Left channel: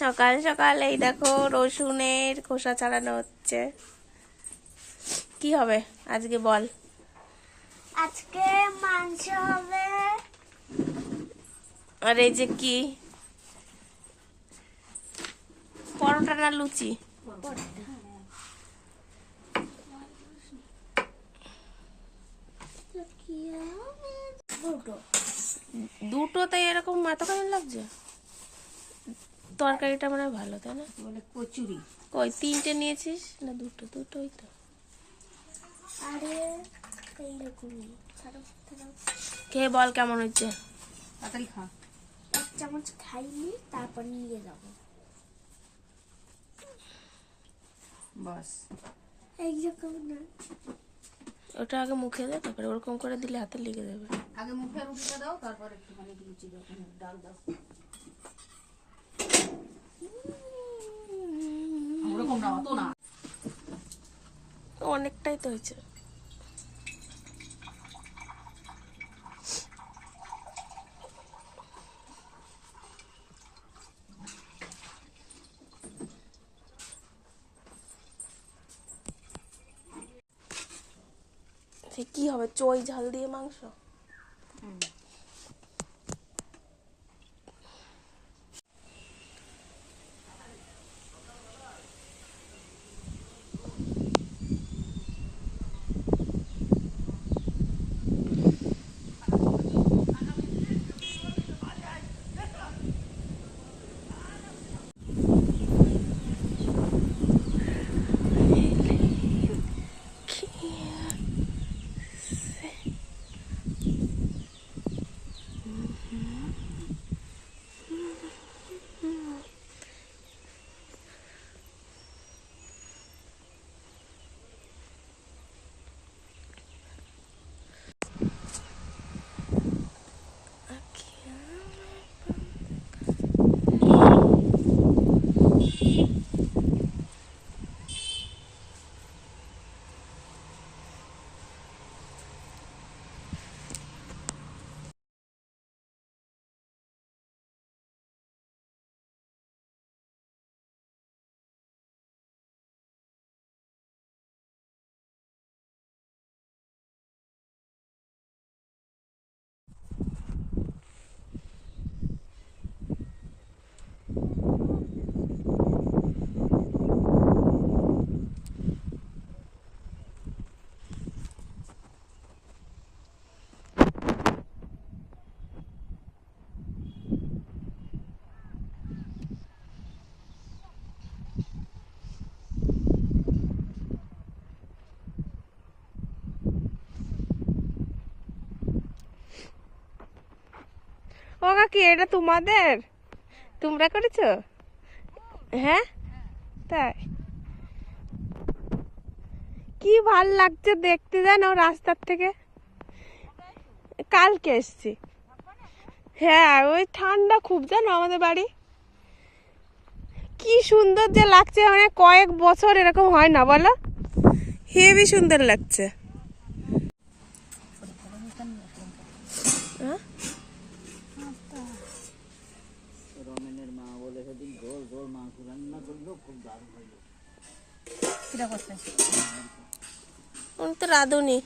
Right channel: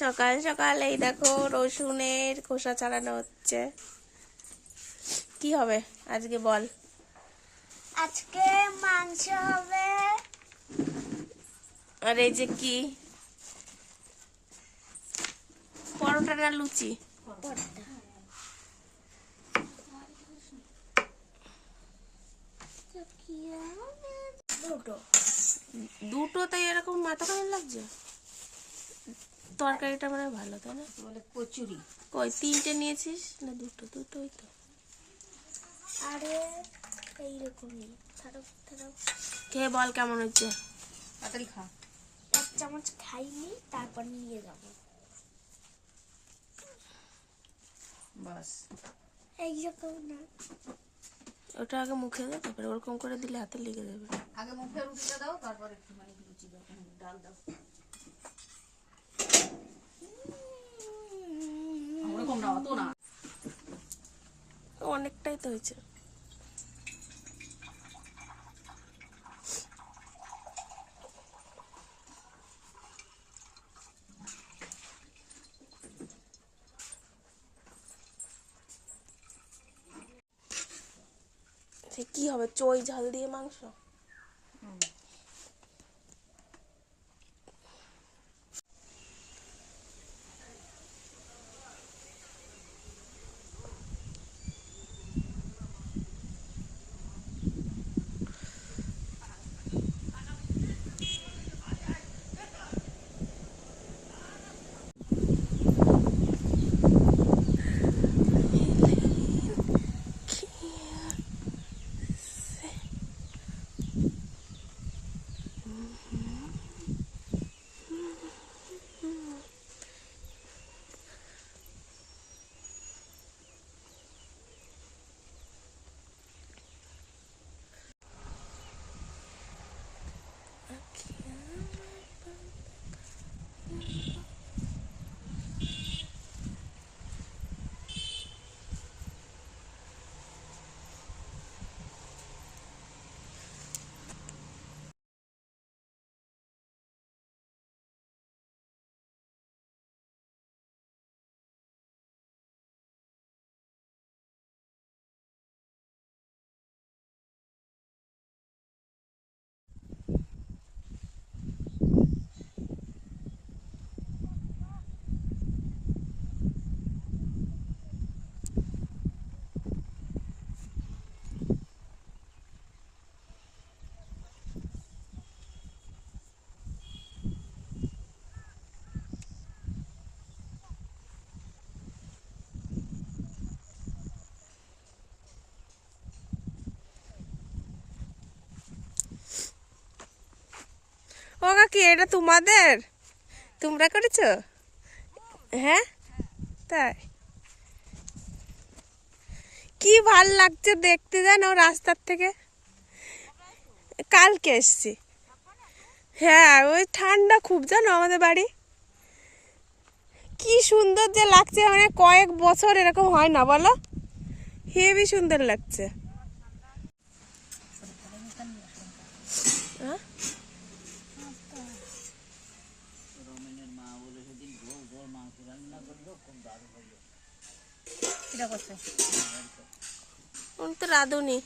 সকাল সকাল এই দেখো রসুনের খোসা ছাড়ানো হচ্ছে। কি হবে? আজকে বল। আজকে মাংস হবে। আর এই যে কি? পরোটা না লুচি দুটো দুটো তাই এরকম এতখানি লাগছে। তরকারিটা মানে ভালো তাই না? বলে কচুরি। কই তিনটে নিয়েছিস? না দুটো দুটোই তো। আরে এইরকমই খেয়ে বল কেমন হচ্ছে? তাড়াতাড়ি খা। এক চামচ খাইনি তারপর নিয়ে যাব। বাস। ওটা আগে মুখে দে তারপরে ওরকম করে দিলে হাতে লেগে যাবে। আগে মুখে রুটিটা দাও তারপরে একটুখানি লুচি দাও ডাল দাও। ওরকম না অত না। অনেকটাই তো হয়েছে। কি হবে? চই ঝাল দিয়ে মাংস? ও এটা তোমাদের? তোমরা করেছ? হ্যাঁ? তাই। কি ভালো লাগছে দেখতে জানো রাস্তার থেকে? কালকে এসছি। হ্যাঁ ওই ঠান্ডা খুব জানো আমাদের বাড়ি। কি সুন্দর যে লাগছে মানে কয়েক বছর এরকম হয় না বলো? হেভি সুন্দর লাগছে। তো রাঁধুনি।